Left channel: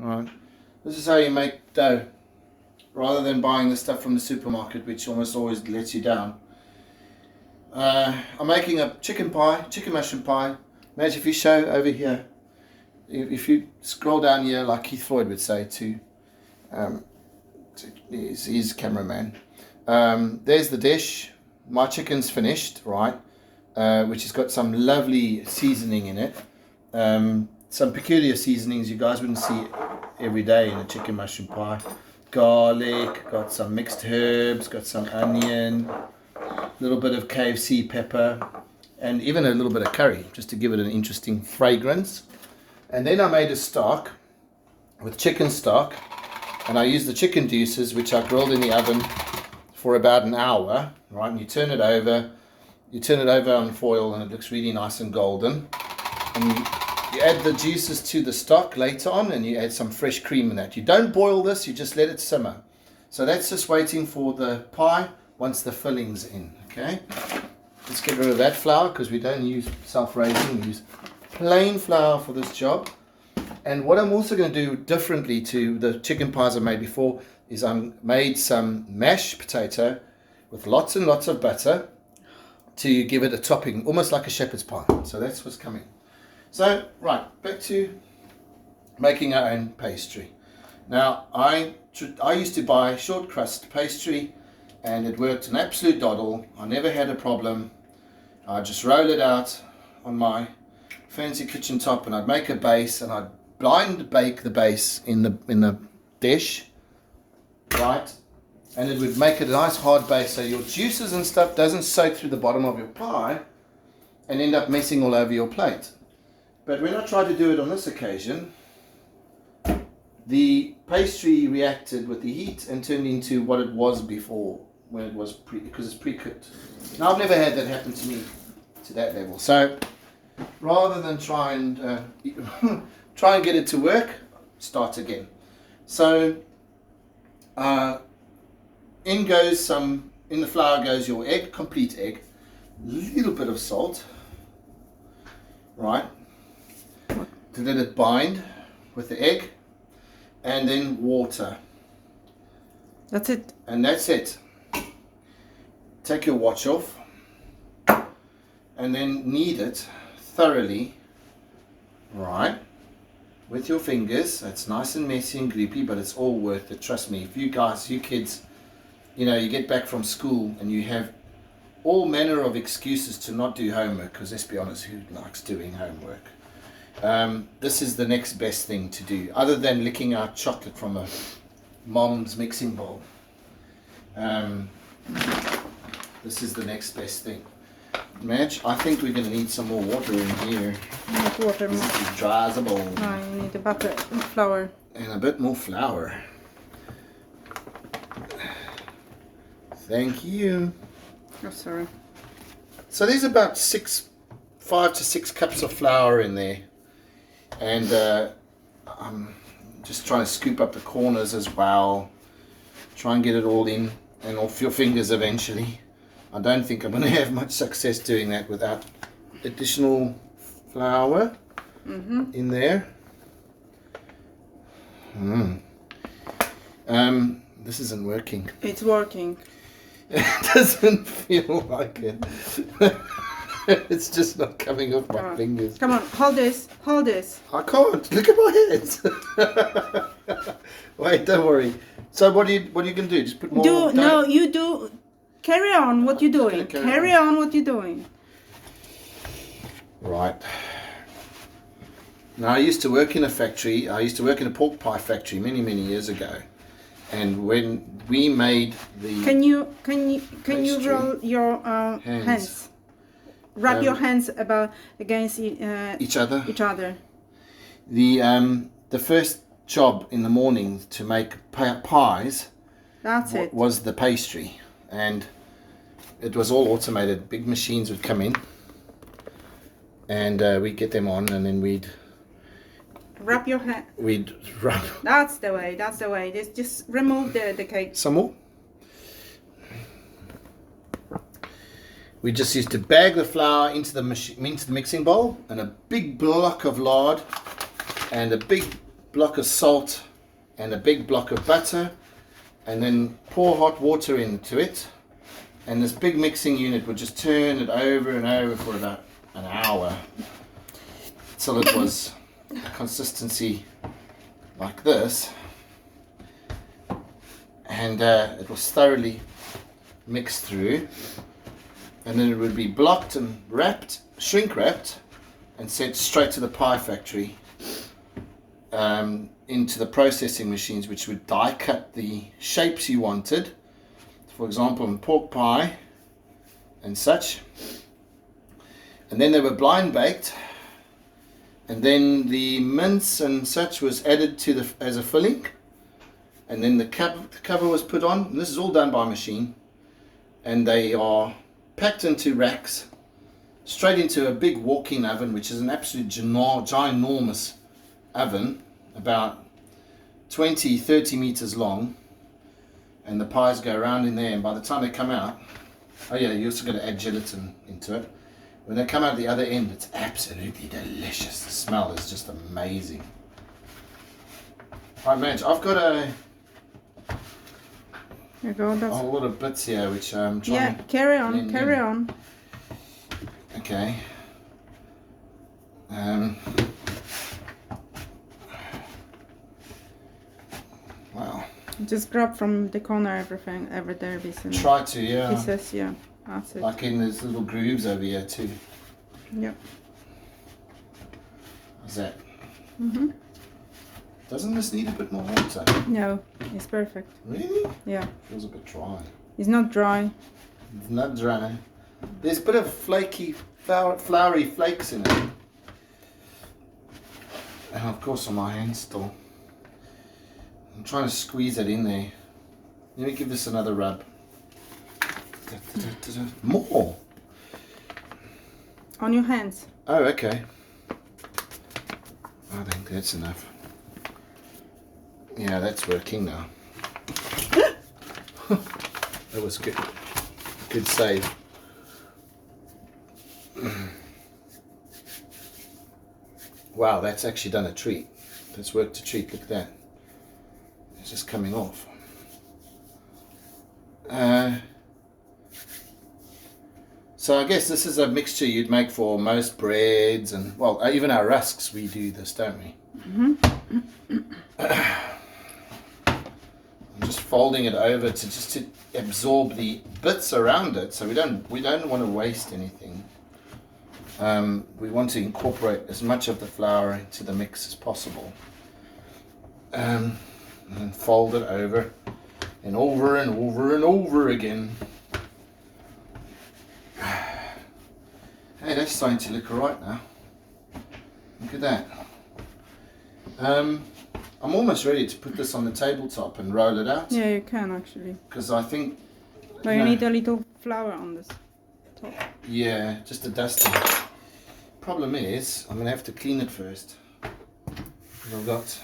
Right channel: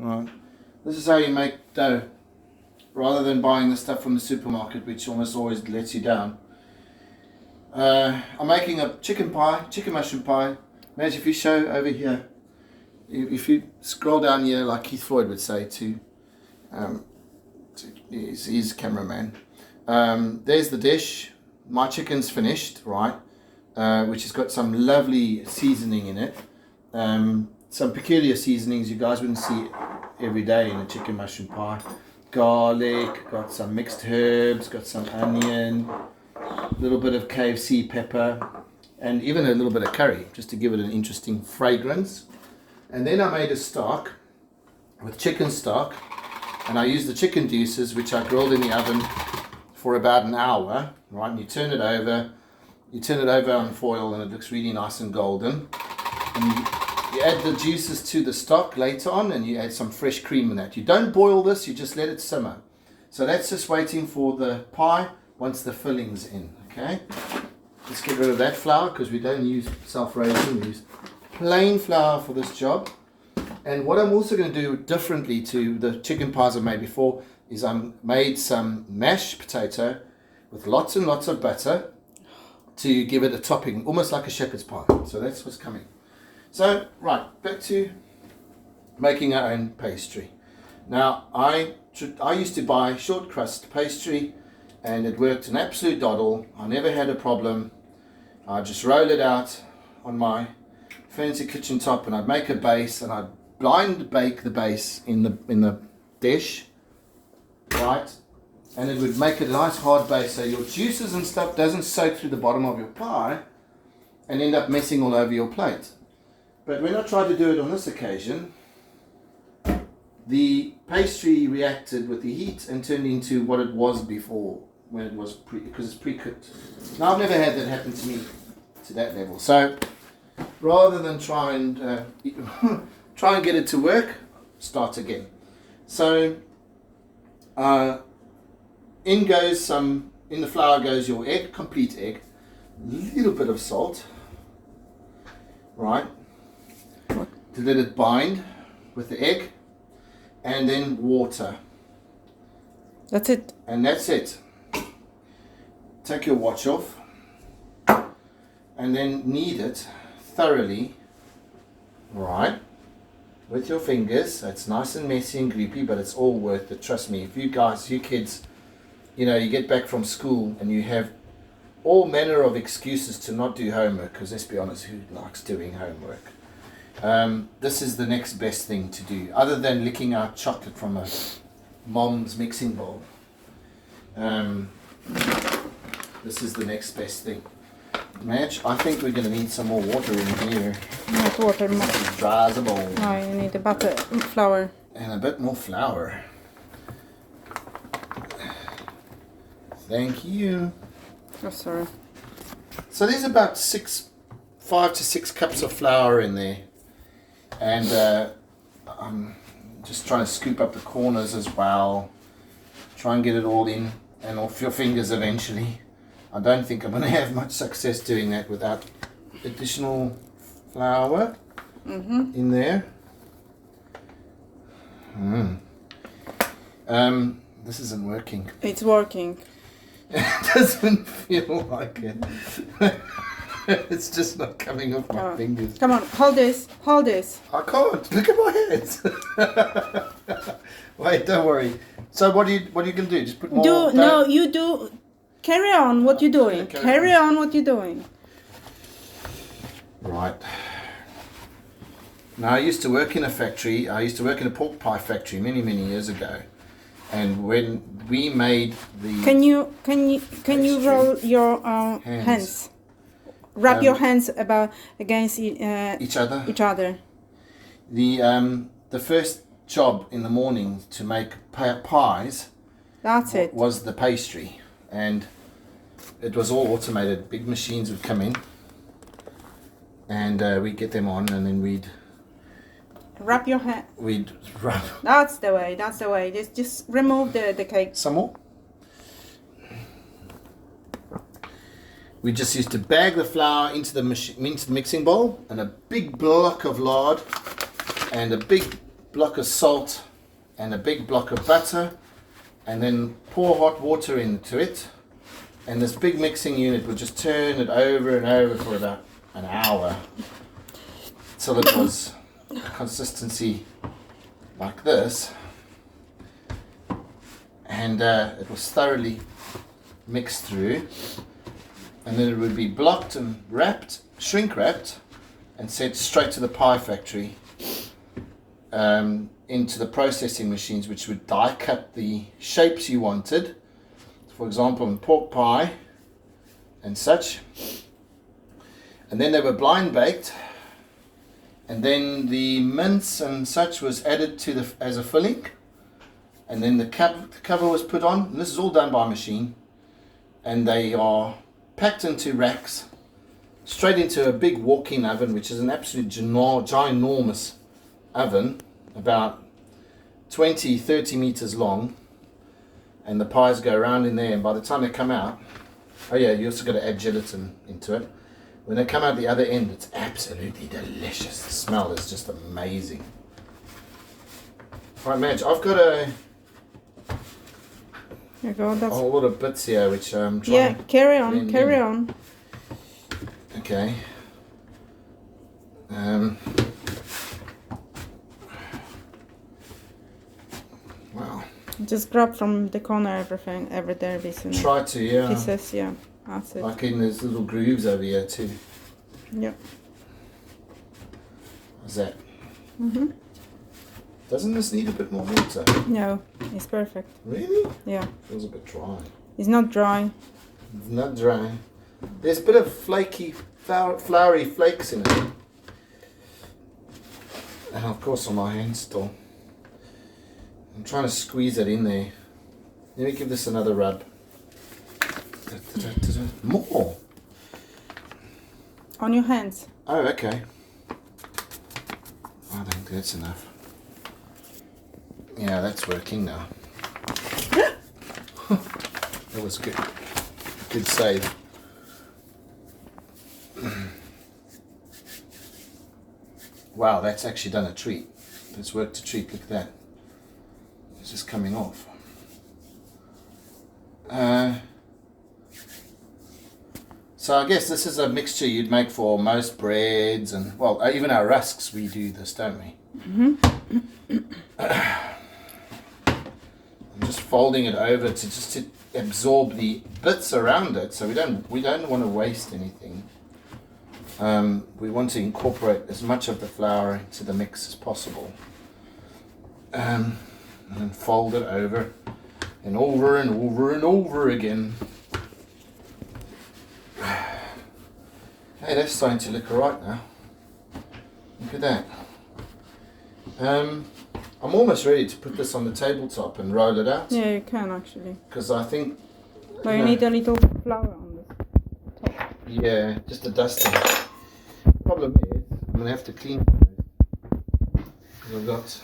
Alright. This is how you make dough. Rather than buying the stuff from the supermarket, which almost always lets you down. I'm making a chicken mushroom pie. Imagine if you show over here, if you scroll down here, like Keith Floyd would say to his cameraman. There's the dish. My chicken's finished, right? Which has got some lovely seasoning in it. Some peculiar seasonings you guys wouldn't see every day in a chicken mushroom pie. Garlic, got some mixed herbs, got some onion, a little bit of KFC pepper, and even a little bit of curry, just to give it an interesting fragrance. And then I made a stock with chicken stock, and I used the chicken deuces, which I grilled in the oven for about an hour, right? And you turn it over on foil, and it looks really nice and golden. And you add the juices to the stock later on, and you add some fresh cream in that. You don't boil this, you just let it simmer. So that's just waiting for the pie once the filling's in, okay? Let's get rid of that flour because we don't use self-raising, we use plain flour for this job. And what I'm also going to do differently to the chicken pies I made before is I made some mashed potato with lots and lots of butter to give it a topping, almost like a shepherd's pie. So that's what's coming. So, right, back to making our own pastry. Now, I used to buy short crust pastry, and it worked an absolute doddle. I never had a problem. I'd just roll it out on my fancy kitchen top, and I'd make a base, and I'd blind bake the base in the dish, right? And it would make a nice hard base, so your juices and stuff doesn't soak through the bottom of your pie and end up messing all over your plate. But when I tried to do it on this occasion, the pastry reacted with the heat and turned into what it was before, when it was because it's pre-cooked. Now I've never had that happen to me to that level. So rather than try and get it to work, start again. So in the flour goes your egg, complete egg, little bit of salt, right? To let it bind with the egg, and then water. That's it. And that's it. Take your watch off, and then knead it thoroughly, right? With your fingers. It's nice and messy and gloopy, but it's all worth it. Trust me. If you kids, you get back from school and you have all manner of excuses to not do homework, because let's be honest, who likes doing homework? This is the next best thing to do, other than licking out chocolate from a mom's mixing bowl. This is the next best thing. Madge, I think we're going to need some more water in here. Not water. This dry as a bone. No, you need a butter, flour. And a bit more flour. Thank you. Oh, sorry. So there's about 5 to 6 cups of flour in there. And I'm just trying to scoop up the corners as well. Try and get it all in and off your fingers eventually. I don't think I'm going to have much success doing that without additional flour in there. This isn't working. It's working. It doesn't feel like it. It's just not coming off my fingers. Come on, hold this. I can't. Look at my hands. Wait, don't worry. So what are you going to do? Just put more. No, you do. Carry on what you're doing. Okay, Carry on what you're doing. Right. Now I used to work in a factory. I used to work in a pork pie factory many years ago. And when we made the Can you roll your hands? Wrap your hands against each other. The first job in the morning to make pies. That's it. Was the pastry, and it was all automated. Big machines would come in, and we'd get them on, and then we'd wrap your hand. We'd wrap. That's the way. Just remove the cake. Some more. We just used to bag the flour into the mixing bowl, and a big block of lard, and a big block of salt and a big block of butter, and then pour hot water into it, and this big mixing unit would just turn it over and over for about an hour till it was consistency like this, and it was thoroughly mixed through, and then it would be blocked and wrapped, shrink wrapped, and sent straight to the pie factory, into the processing machines, which would die cut the shapes you wanted, for example in pork pie and such, and then they were blind baked, and then the mince and such was added to the as a filling, and then the cover was put on, and this is all done by machine, and they are packed into racks straight into a big walk-in oven, which is an absolute ginormous oven, about 20-30 meters long, and the pies go around in there, and by the time they come out, oh yeah, you also got to add gelatin into it. When they come out the other end, it's absolutely delicious. The smell is just amazing. Right, Madge, I've got a whole lot of bits here, which I'm trying. Yeah, carry on, blend carry in. on. Okay. Wow. Just grab from the corner everything, every there pieces. Try to, yeah. Pieces, yeah. That's it. Like in these little grooves over here too. Yeah. How's that? Mhm. Doesn't this need a bit more water? No, it's perfect. Really? Yeah. Feels a bit dry. It's not dry. It's not dry. There's a bit of flaky, floury flakes in it. And of course on my hand still. I'm trying to squeeze it in there. Let me give this another rub. More? On your hands. Oh, okay. I think that's enough. Yeah, that's working now. That was good. Good save. Wow, that's actually done a treat. That's worked a treat. Look at that. It's just coming off. So I guess this is a mixture you'd make for most breads, and well, even our rusks we do this, don't we? I'm just folding it over to absorb the bits around it, so we don't want to waste anything. We want to incorporate as much of the flour into the mix as possible, and then fold it over and over and over and over again. Hey, that's starting to look alright now. Look at that. I'm almost ready to put this on the tabletop and roll it out. Yeah, you can actually. Because I think... But you need a little flour on this top. Yeah, just a dusting. Problem is, I'm going to have to clean it first. I've got